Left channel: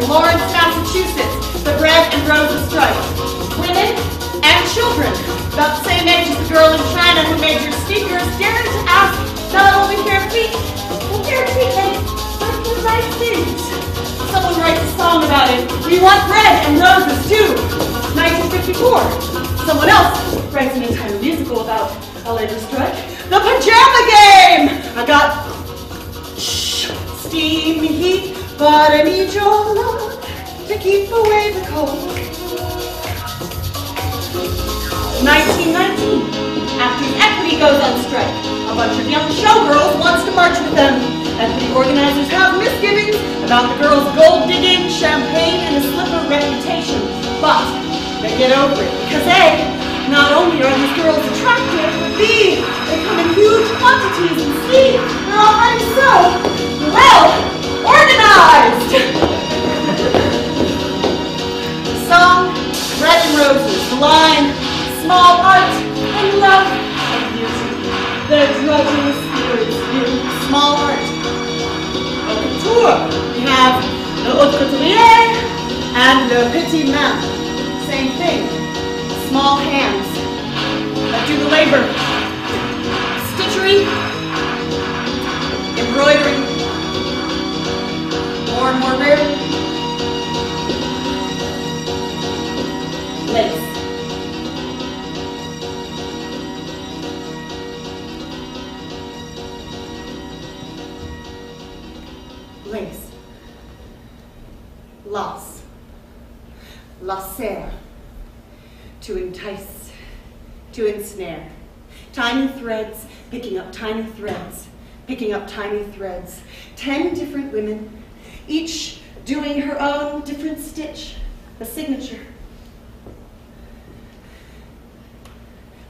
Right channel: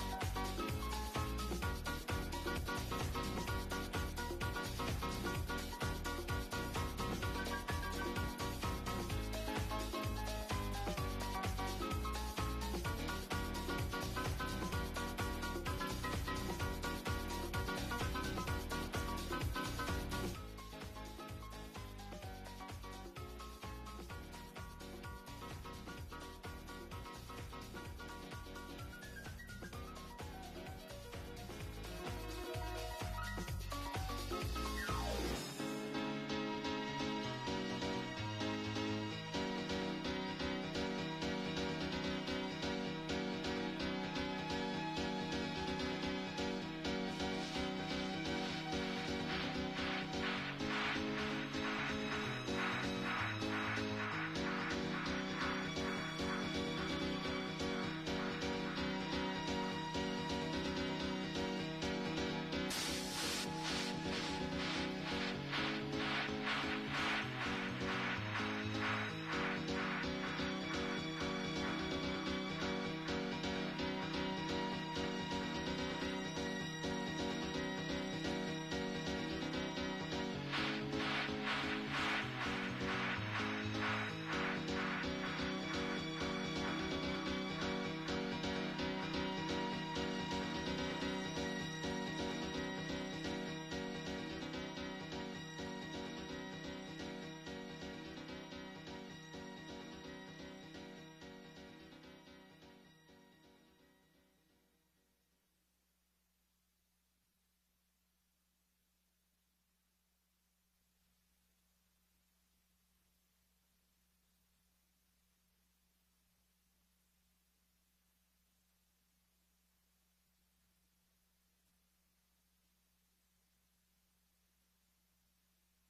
in Lawrence, Massachusetts, the bread and roses strike. Women and children, about the same age as the girl in China who made your sneakers, daring to ask not only their feet, but their feet make the right things. Someone writes a song about it. We want bread and roses too. 1954. Someone else writes an entire musical about a labor strike. The pajama game! I got steamy heat, but I need your love to keep away the cold. 1919. Actors Equity goes on strike. A bunch of young showgirls wants to march with them. Equity organizers have misgivings about the girls' gold-digging, champagne, and a slipper reputation. But they get over it because A, not only are these girls attractive, but B, they come in huge quantities, and C, they're already so, well, organized. The song, Bread and Roses. The line, small art and love and beauty. The drudging spirits view small art. Au couture, we have le haut couturier and le petit main. Same thing. Small hands that do the labor. Stitchery, embroidery, more and more rarely, lace. Lace. Lace. Lacer. To entice, to ensnare. Tiny threads, picking up tiny threads, picking up tiny threads. 10 different women, each doing her own different stitch, a signature.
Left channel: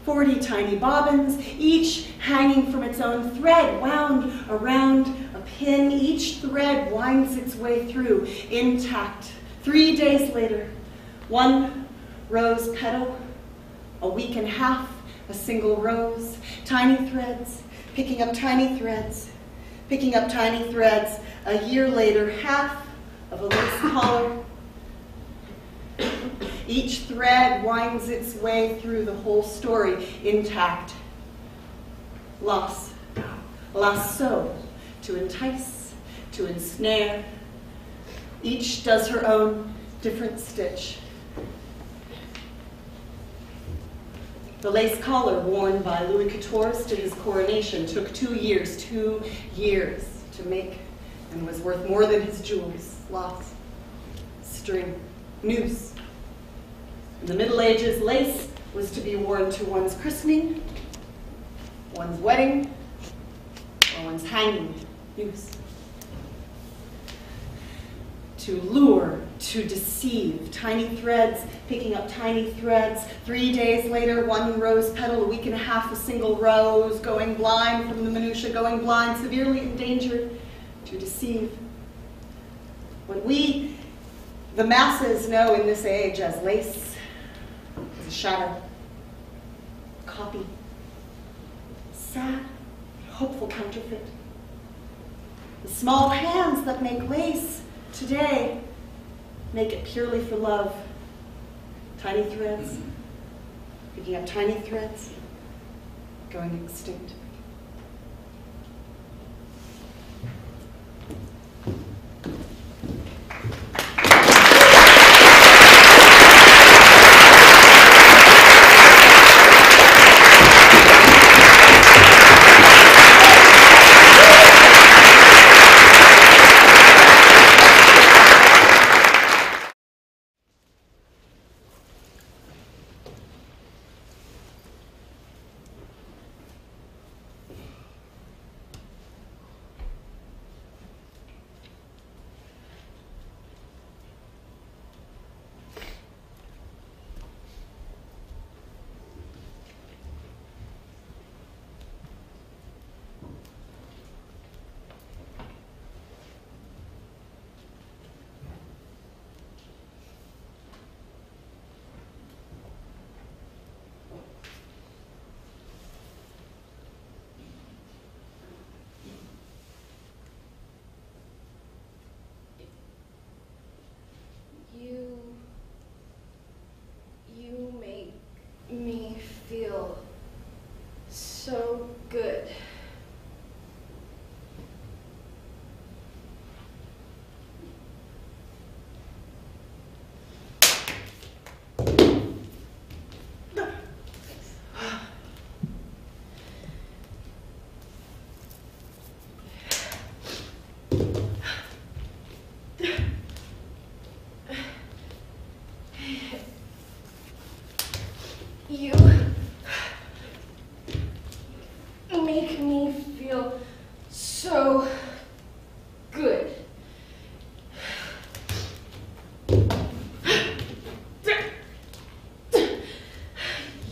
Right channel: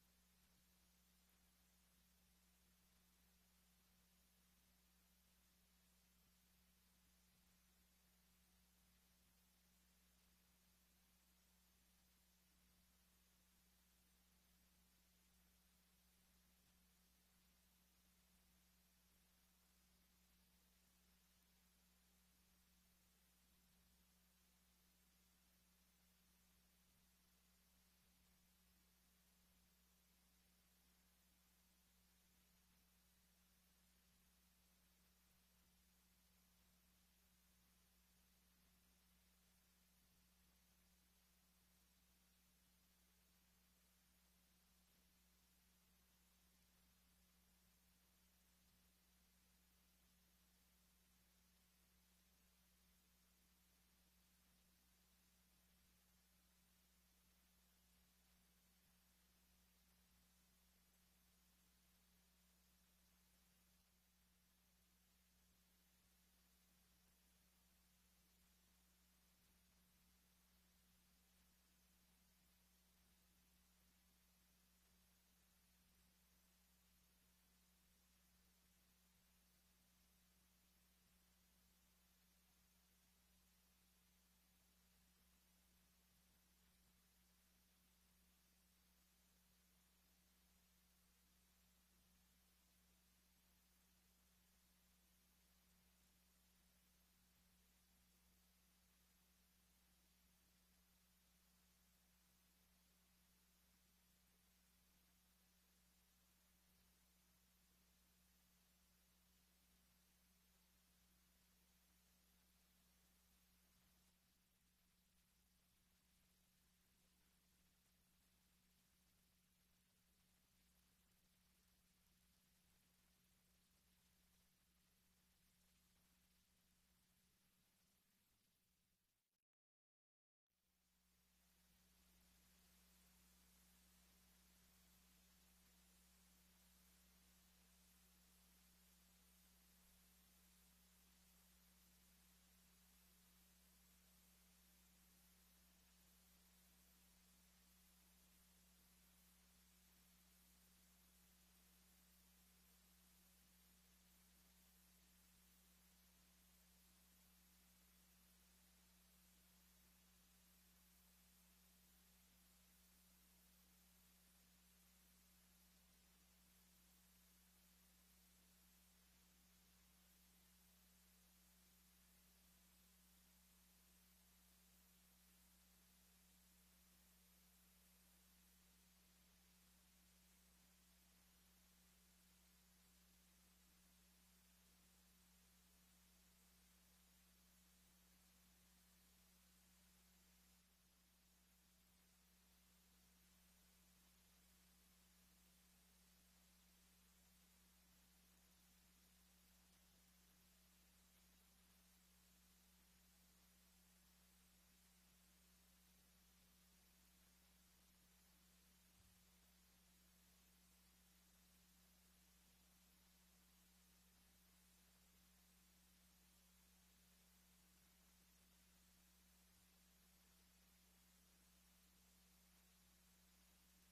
40 tiny bobbins, each hanging from its own thread, wound around a pin. Each thread winds its way through, intact. 3 days later, 1 rose petal, a week and a half, a single rose, tiny threads, picking up tiny threads, picking up tiny threads. A year later, half of a lace collar. Each thread winds its way through the whole story, intact. Lasso, to entice, to ensnare. Each does her own different stitch. The lace collar worn by Louis XIV to his coronation took 2 years to make, and was worth more than his jewels. Lots. String. Noose. In the Middle Ages, lace was to be worn to one's christening, one's wedding, or one's hanging. Noose. To lure, to deceive. Tiny threads, picking up tiny threads. 3 days later, 1 rose petal, a week and a half, a single rose, going blind from the minutiae, going blind, severely endangered. To deceive. What we, the masses, know in this age as lace is a shadow, copy, sad, hopeful counterfeit. The small hands that make lace today make it purely for love. Tiny threads, picking up tiny threads, going extinct.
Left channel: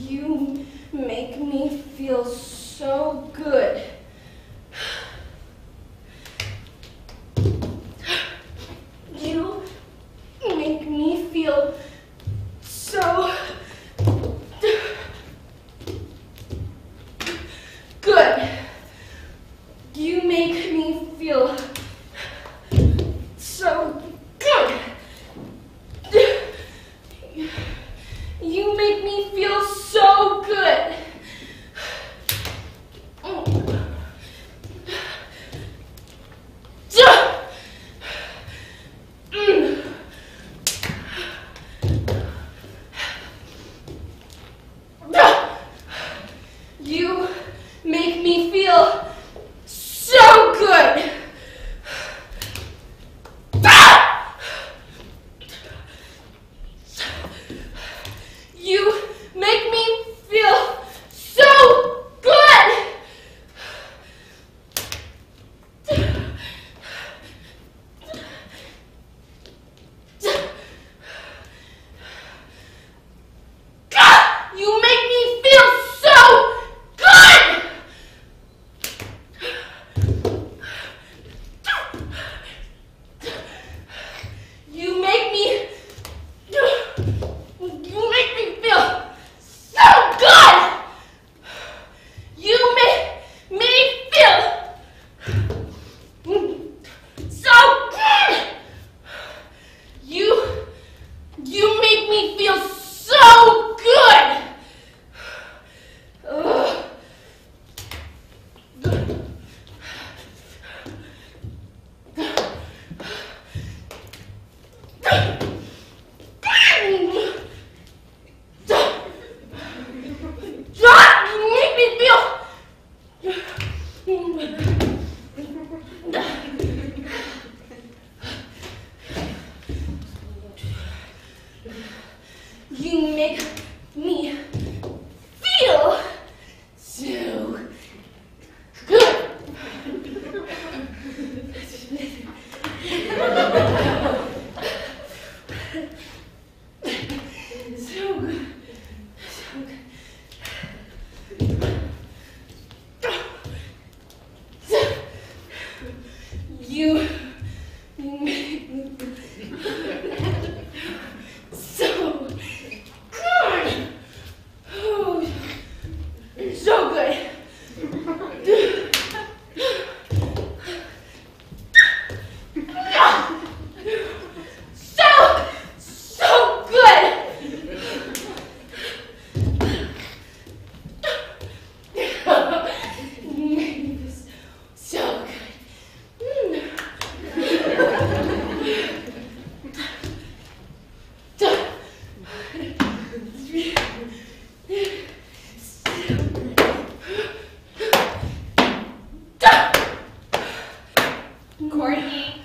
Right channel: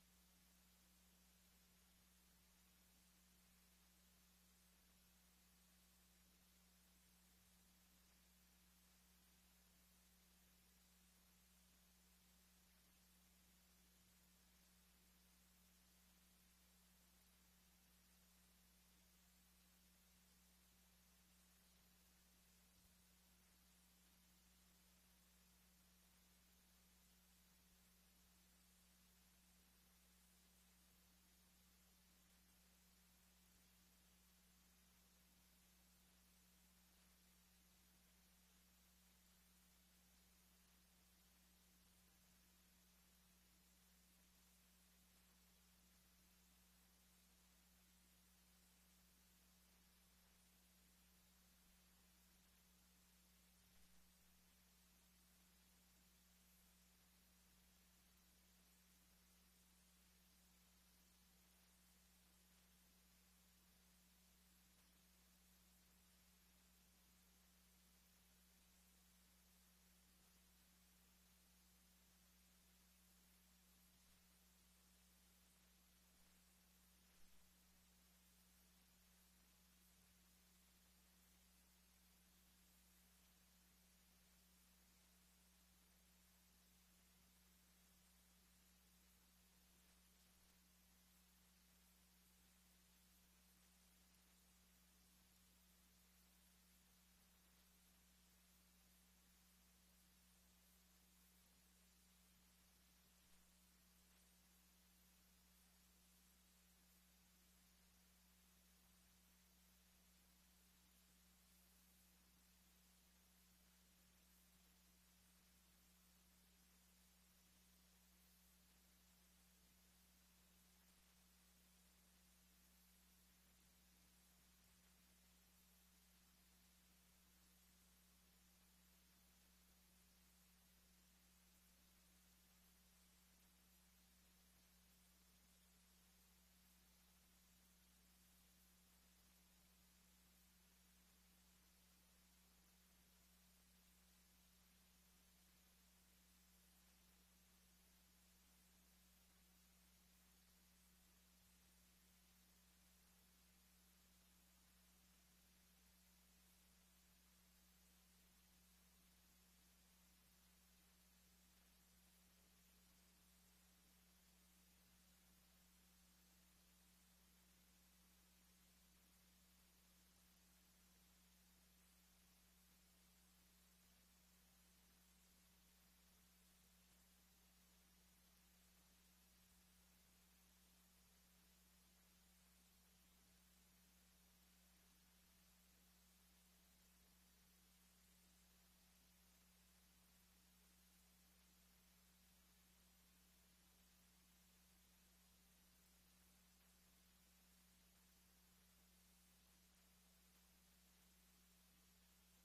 You make me feel so good. You make me feel so good. You make me feel so good. You make me feel so good. You make me feel so good. You make me feel so good. You make me feel so good. You make me feel so good. You make me feel so good. You make me feel so good. Ugh. You make me feel. You make me feel so good. So good. You make me so good. Oh, so good. So good. You make me feel so good. Courtney.